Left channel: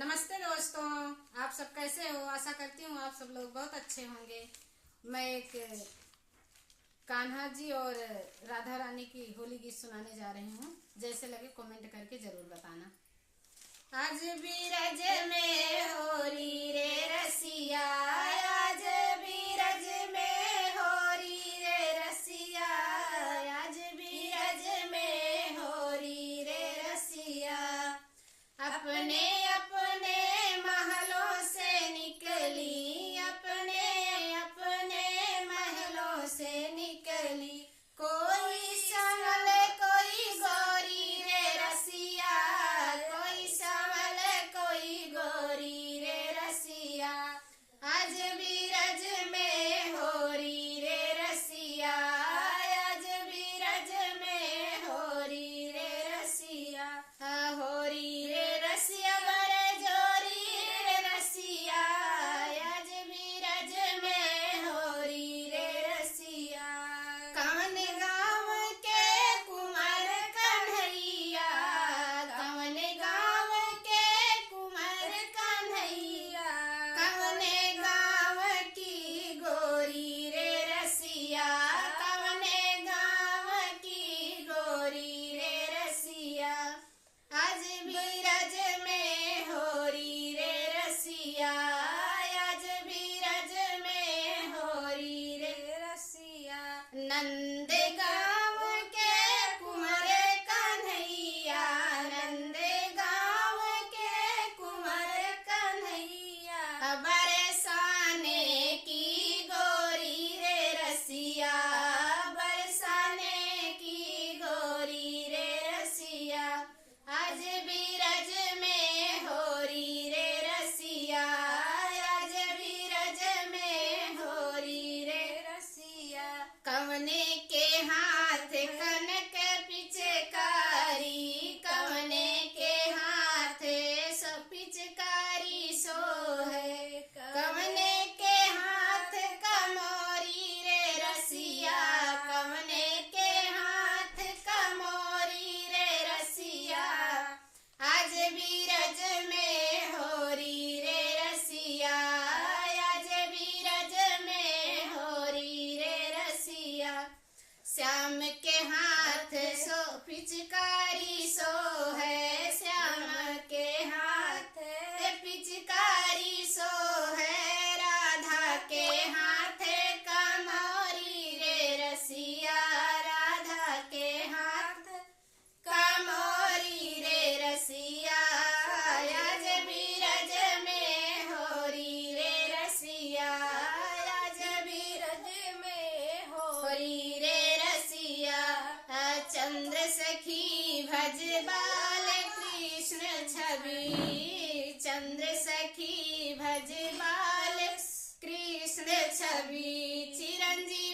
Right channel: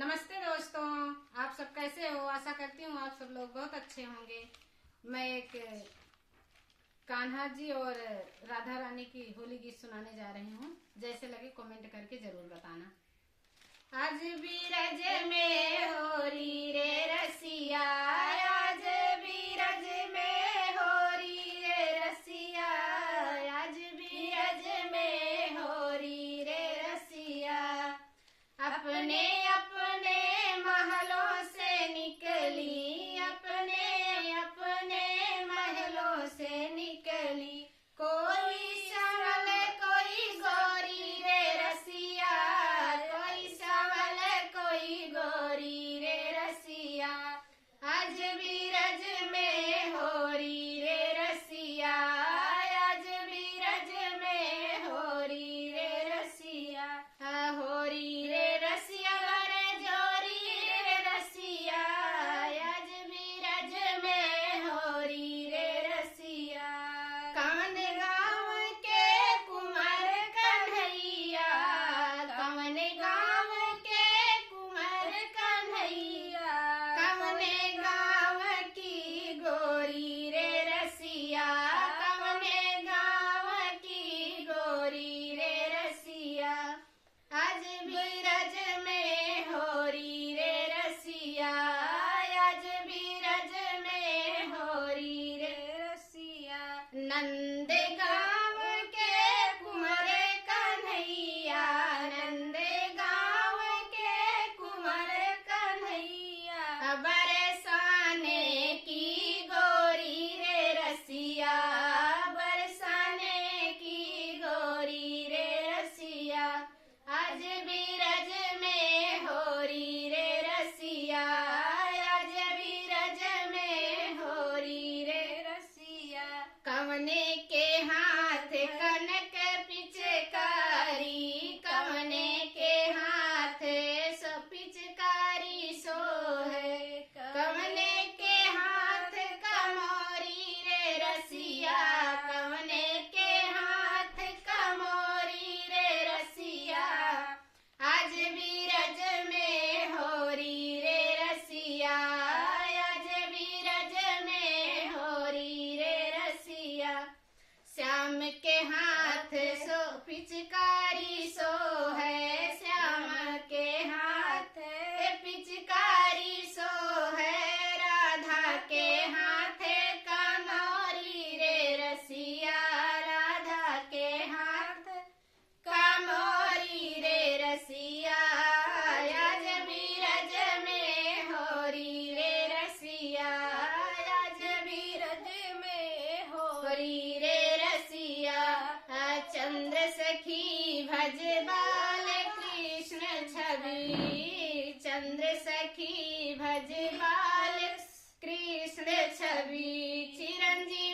नमस्ते दोस्तों, आप सब कैसे हो। आशा करती हूँ आप सब लोग बहुत अच्छे होंगे। मैं एक कान्हा जी और राधा रानी की होली गीत सुनाने जा रही हूँ। जैसे लगे कमेंट करके जरूर बताना। आज बीरज में होरी रे रसिया, आज बीरज में होरी रे रसिया, आज बीरज में होरी रे रसिया। अपने अपने महलों से निकली, अपने अपने महलों से निकली। कोई संवल कोई गौरी रे रसिया, कोई संवल कोई गौरी रे रसिया। आज बीरज में होरी रे रसिया, आज बीरज में होरी रे रसिया। होरी रे रसिया वर जोरी रे रसिया, आज बीरज में होरी रे रसिया। कवन गाँव के कुंवर कन्हैया, कवन गाँव के कुंवर कन्हैया, कवन गाँव की गोरी रे रसिया, कवन गाँव की गोरी रे रसिया। आज बीरज में होरी रे रसिया, आज बीरज में होरी रे रसिया। नंद गाँव के कुंवर कन्हैया, नंद गाँव के कुंवर कन्हैया। बरसाने की गोरी रे रसिया, बरसाने की गोरी रे रसिया। आज बीरज में होरी रे रसिया, आज बीरज में होरी रे रसिया। कवने के हाथ कनक पिचकारी, कवने के हाथ सो पिचकारी सो है। कवने के हाथ कमोरी रे रसिया, कवने के हाथ कमोरी रे रसिया। आज बीरज में होरी रे रसिया, आज बीरज में होरी रे रसिया। श्याम के हाथ सो पिचकारी सो है, श्याम के हाथ पिचकारी सो है। राधा के हाथ कमोरी रे रसिया, राधा के हाथ कमोरी रे रसिया। आज बीरज में होरी रे रसिया, आज बीरज में होरी रे रसिया। चंद्र सखी भज बाल कृष्ण छवि, चंद्र सखी भज बाल कृष्ण छवि। चिरंजीव